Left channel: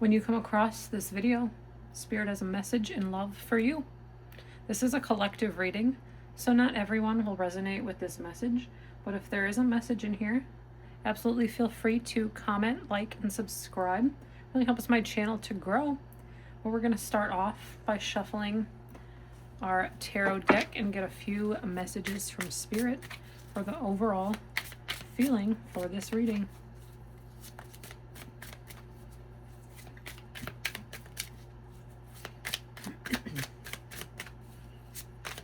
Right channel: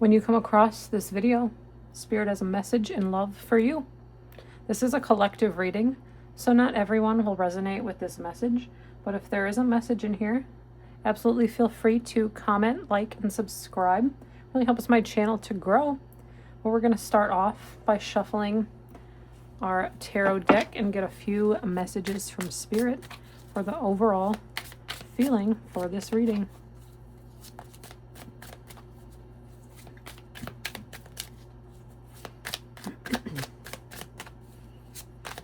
When you come across this video, Spirit has a message and love for you. This is a collective reading, so not everyone will resonate with this message, but if there is a message in here, absolutely feel free to comment, like, and subscribe. It really helps my channel to grow. Well, we're going to start off by shuffling our tarot deck and get a few messages from Spirit for the overall feeling for this reading.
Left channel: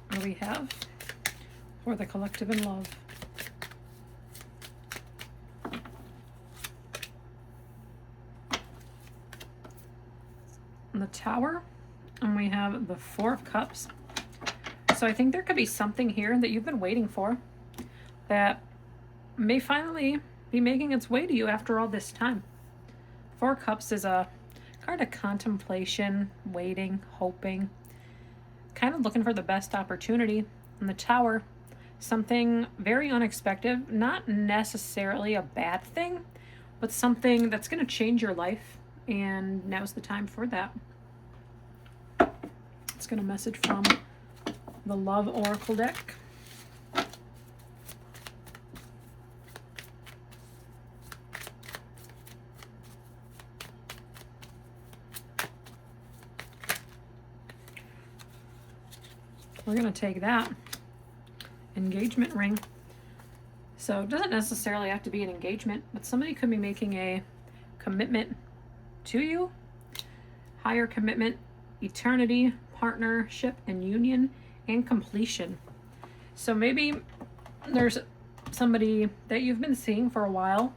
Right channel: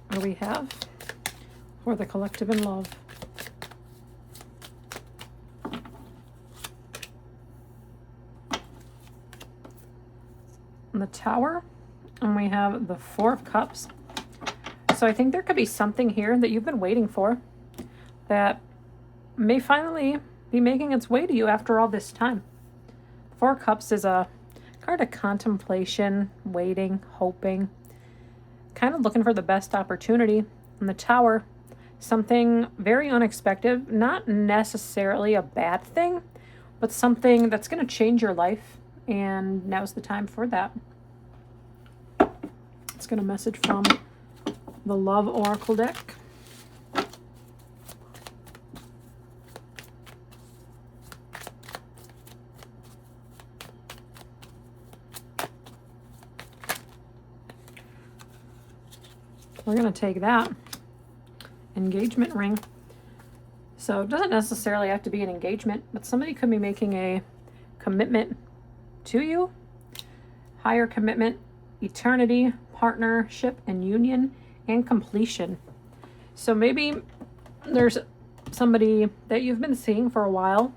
What do we have for the collective in love? The Tower, and we have the Four of Cups. So I think there could be something here that you've been waiting for that may finally be making its way to you after all this time. Four of Cups is a card of contemplation, waiting, hoping, kind of looking for the best opportunity. And the Tower, something very unexpected, not necessarily a bad thing, but something that's going to change your life, and now's the time for that. Let's get a message from the Love Oracle deck. We're going to take that engagement ring. So it doesn't necessarily have to be an engagement, but somebody could be making a commitment to you, higher commitment, eternity, partnership, and union, and completion. So maybe there's somebody that you've been seeing for a while.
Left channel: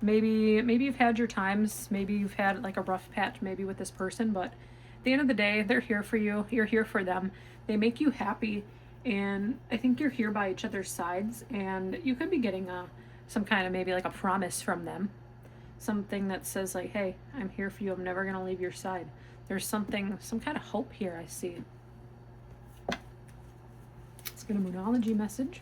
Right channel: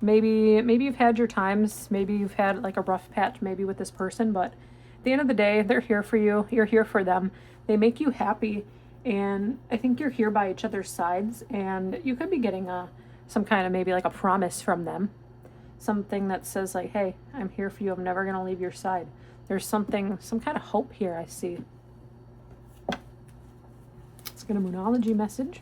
Maybe you've had your times. Maybe you've had like a rough patch maybe with this person, but at the end of the day, they're here for you. You're here for them. They make you happy, and I think you're here by each other's sides, and you could be getting some kind of maybe like a promise from them. Something that says like, hey, I'm here for you. I'm never going to leave your side. There's some kind of hope here I see. Let's get a Moonology message.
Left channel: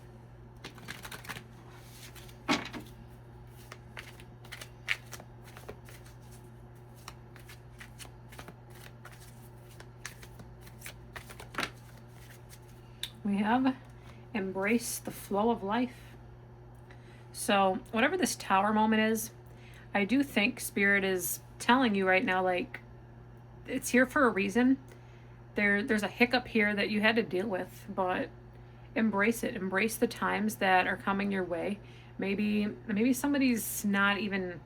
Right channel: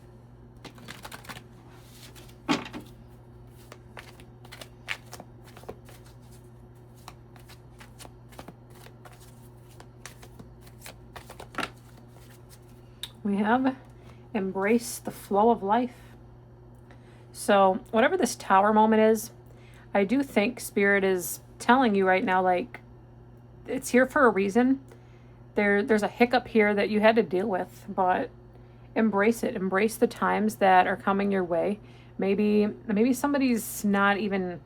We have embrace the flow of life. So whatever this Tower moment is, I do think Spirit is telling you right now, like, it's here for a reason. There's a hiccup here that you had to deal with, but embrace it. Embrace the times that are coming your way. Maybe somebody's not even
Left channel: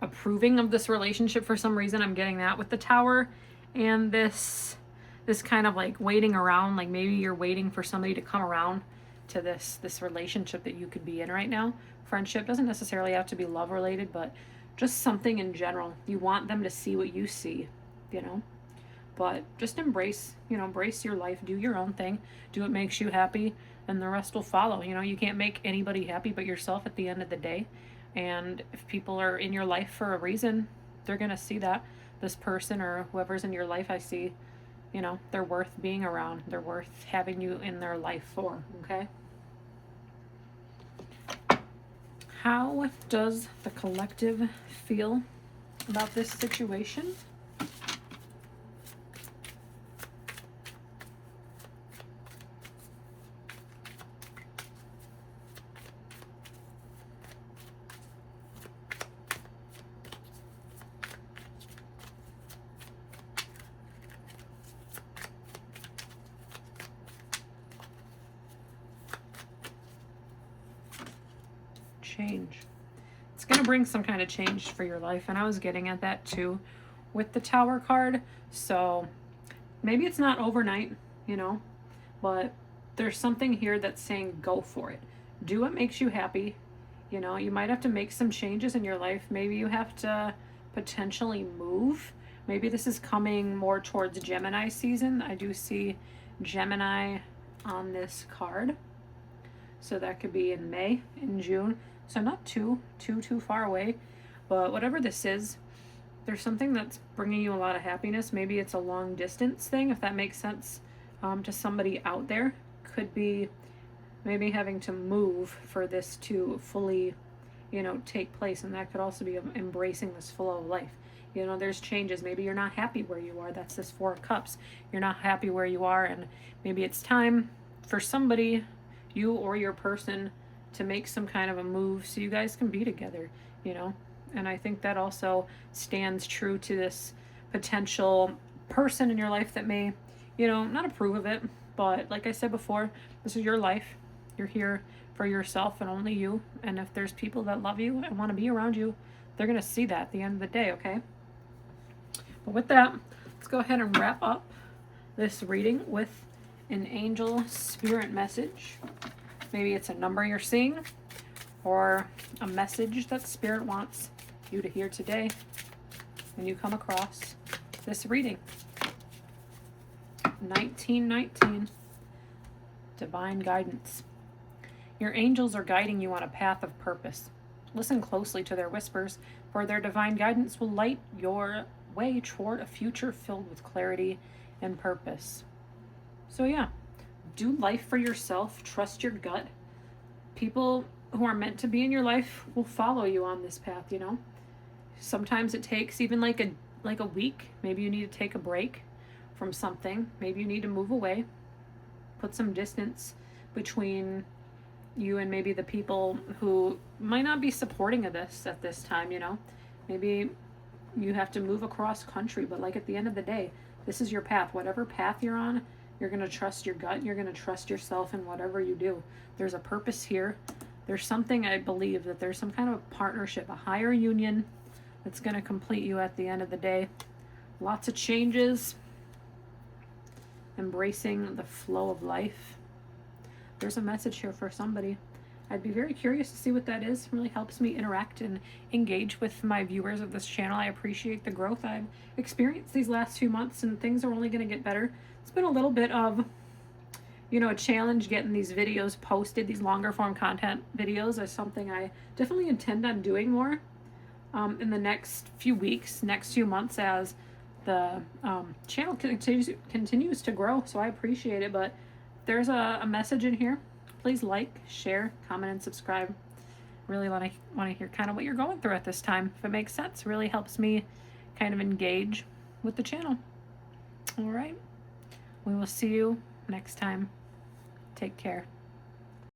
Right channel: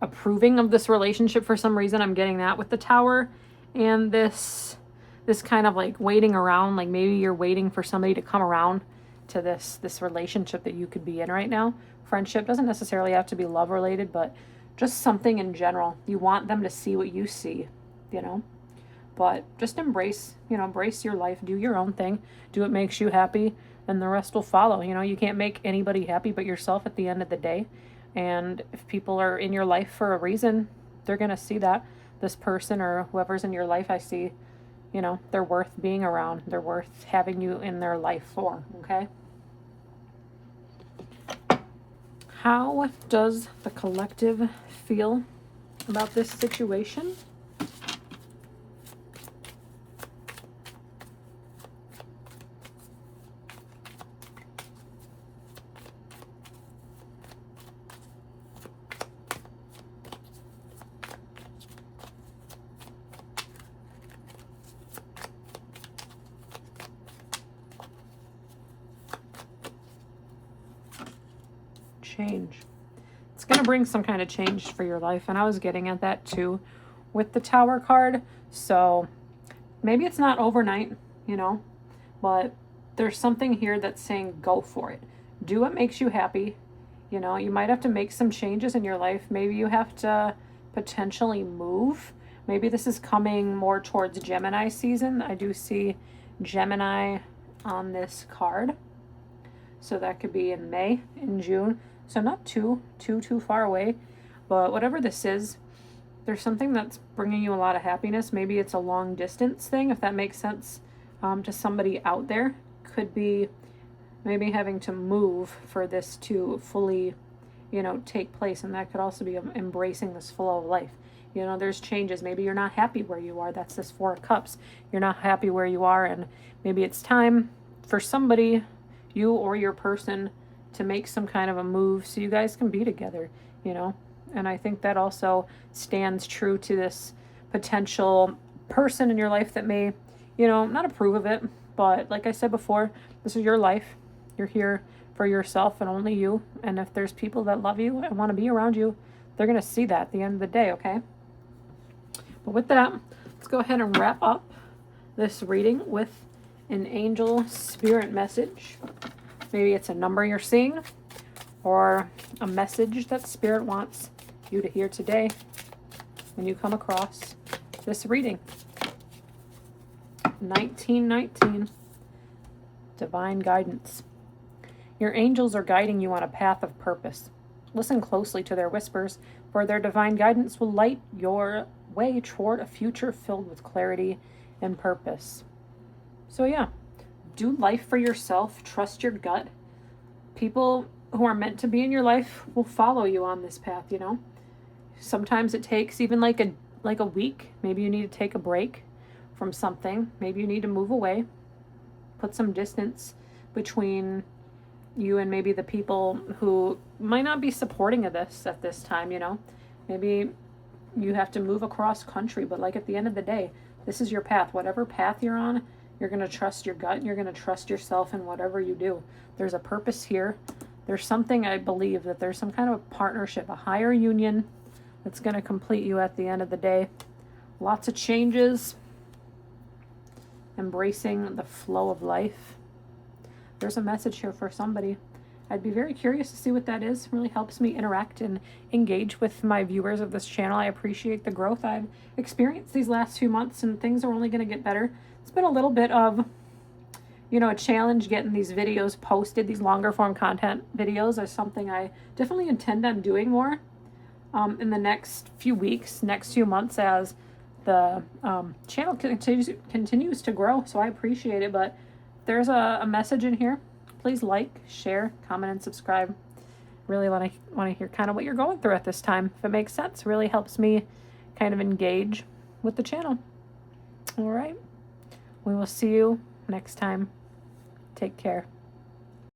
approving of this relationship for some reason. I'm getting that with the Tower, and this kind of like waiting around, like maybe you're waiting for somebody to come around to this relationship that you could be in right now. Friendship doesn't necessarily have to be love related, but just something in general. You want them to see what you see, but just embrace your life, do your own thing, do what makes you happy, and the rest will follow. You can't make anybody happy but yourself at the end of the day. And if people are in your life for a reason, they're going to see that. This person or whoever's in your life, I see, they're worth being around. They're worth having you in their life for, okay? How does the collective feel about this situation? Change. It's going to bring some kind of change for your life, and I was getting at that too with the Tower card. So maybe it's not overnight, but there's something here that's saying go for it. Do what makes you happy. You might have to make some changes in your life. Maybe you have to potentially move. Maybe this is coming more towards Gemini season. I do see Gemini on this card. So that could be in May, in June. So not too far away, but whatever this is, there's something that's bringing you a lot of happiness. Maybe it's a long distance thing, if that makes sense to somebody out there. Could be maybe having to move for this to fully take place. And that could also be embracing this flow of life. There's changes. Maybe you're not happy where you are. That's this Four of Cups. You're not happy where you are, and maybe it's time for somebody, you or your person, to make some kind of a move so you guys can be together, And I think that also stands true to this potential person in your life that may, not approve of it. But like I said before, this is your life. You're here for yourself and only you. And if there's people that love you and want to be around you, they're going to see that at the end of the day, okay? But with that, let's go ahead and wrap up this reading with an angel spirit message. Maybe it's a number you're seeing or a message that spirit wants you to hear today when you come across this reading. 1919, divine guidance. Your angels are guiding you on a path of purpose. Listen closely to their whispers, for their divine guidance will light your way toward a future filled with clarity and purpose. So yeah, do life for yourself. Trust your gut. People who are meant to be in your life will follow you on this path, Sometimes it takes even like a week. Maybe you need to take a break from something. Maybe you need to move away. Put some distance between you and maybe the people who might not be supporting of this at this time, Maybe you have to move across country, but like at the end of the day, this is your path. Whatever path you're on, you're going to trust your gut. You're going to trust yourself in whatever you do. There's a purpose here. There's something, I believe, that there's some kind of partnership, a higher union that's going to complete you at the end of the day. Lots of changes. Embracing the flow of life. There's a message here for somebody. I'd be very curious to see what that is. It really helps me interact and engage with my viewers of this channel. I appreciate the growth I've experienced these last few months, and things are only going to get better. It's been a little bit of, a challenge getting these videos posted. These longer form content videos is something I definitely intend on doing more in the next few weeks, next few months, as the channel continues to grow. So I appreciate it. But there's a message in here. Please like, share, comment, and subscribe. Really want to hear kind of what you're going through at this time. If it makes sense, it really helps me kind of engage with the channel. All right. We will see you next time. Take care.